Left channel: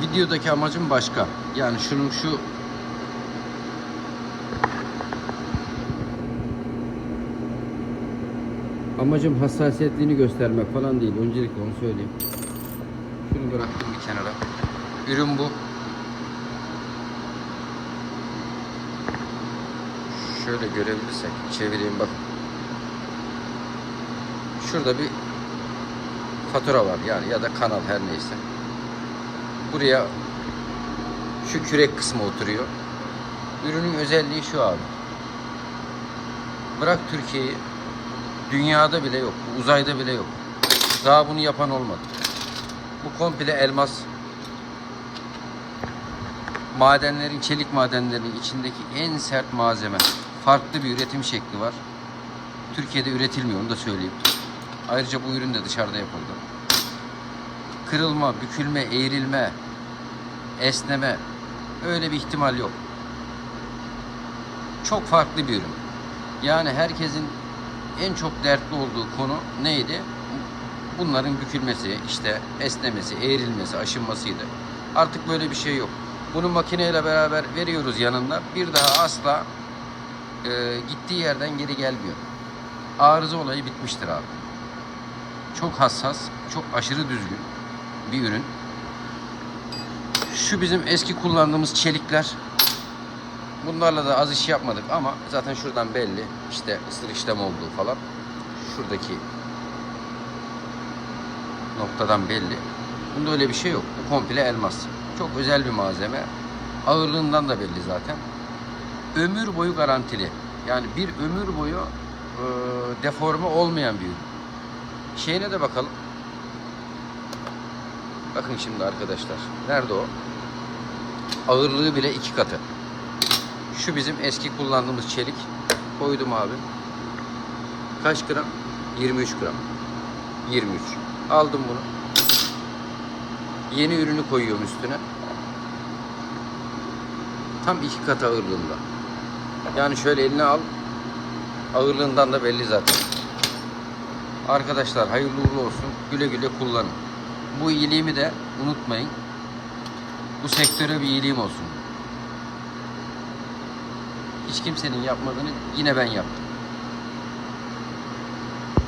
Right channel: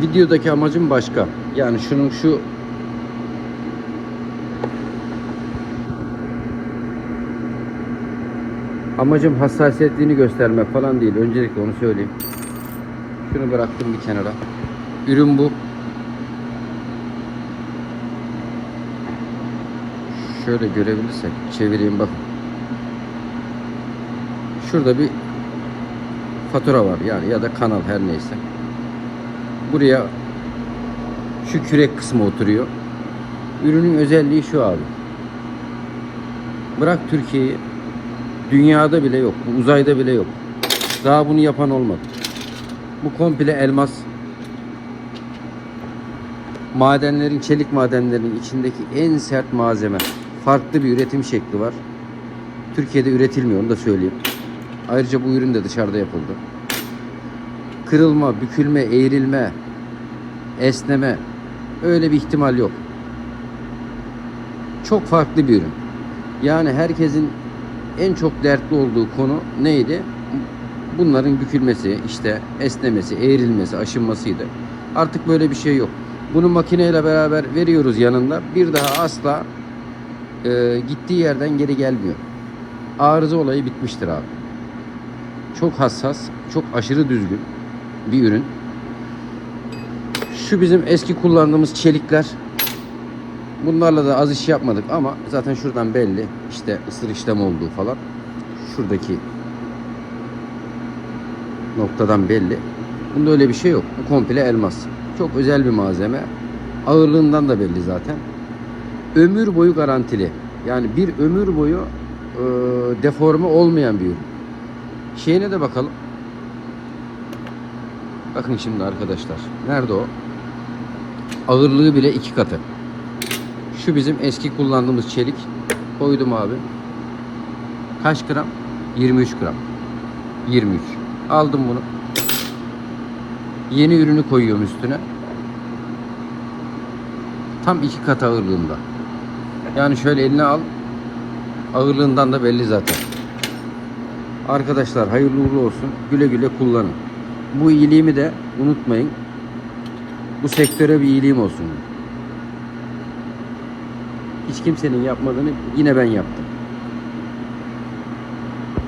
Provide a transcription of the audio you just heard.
videodaki amacım başka. Yani şunun şu amacım hassasiyetliğini göstermek falan değil. Öncelikle onu söyleyeyim. Şunu bıraktım bir kenara. Ürün bu. Şöyle görebilirsek çevireyim bak. Şurada bir fatura var yani ya da kanal her neyse. Buraya şu kürek kısmı oturuyor. Ürünün özelliği şu abi. Bırak Türkiye'yi dünyada bile yok. Uzayda bile yok. Daha bunu yapan olmadı. Bu komple elmas. Madenlerin, çelik madenlerinin içindeki en sert malzeme. Farklı bir üretim şekli var. Türkiye'de üretilmiyor onu da söyleyeyim. Ayrıca bu ürün de dışarıda yapıldı. Kırılma, bükülme, eğrilme, esneme öyle bir ihtimal yok. Çok farklı bir ürün. Yani herkesin en çok dertli olduğu konu neydi? Bunların bükülmesi, işte esnemesi, eğrilmesi, aşınmasıydı. Artık böyle bir şey yok. Bunu makineyle beraber veriyoruz yanında. Bir daha asla e, gittiği yerden geri gelmiyor. Arıza olayı bitmiştir abi. Çok hassas, çok aşırı düzgün bir ürün. Şu bizim eski kullandığımız çelikler. Bunlarla da az iş yapmadık ama zaten şuradan belli. işte ısır işlem olduğu falan. Şuradaki noktadan belli. Bunda öyle bir şey yok. Bu komple elmas. Çok özel bir malzeme. Ağırlığından da belli zaten. Ömür boyu garantili. Yani bir ömür boyu e, deforme olmayan bir ürün. Şeyine de bakalım. Bakın şimdi arkadaşlar. Nerede o? Ağırlığı bile iki katı. Şu bizim eski kullandığımız çelik. Koydum abi. Kaç gram? 23 gram. 23. Aldım bunu. Yeni ürünü koyuyorum üstüne. Tam iki kat ağırlığında. Yani şöyle eline al. Ağırlığından da belli zaten. Arkadaşlar hayırlı uğurlu olsun. Güle güle kullanın. Bu iyiliğimi de unutmayın. Bu sektöre bir iyiliğim olsun. Hiç kimsenin yapmadığını yine ben yaptım.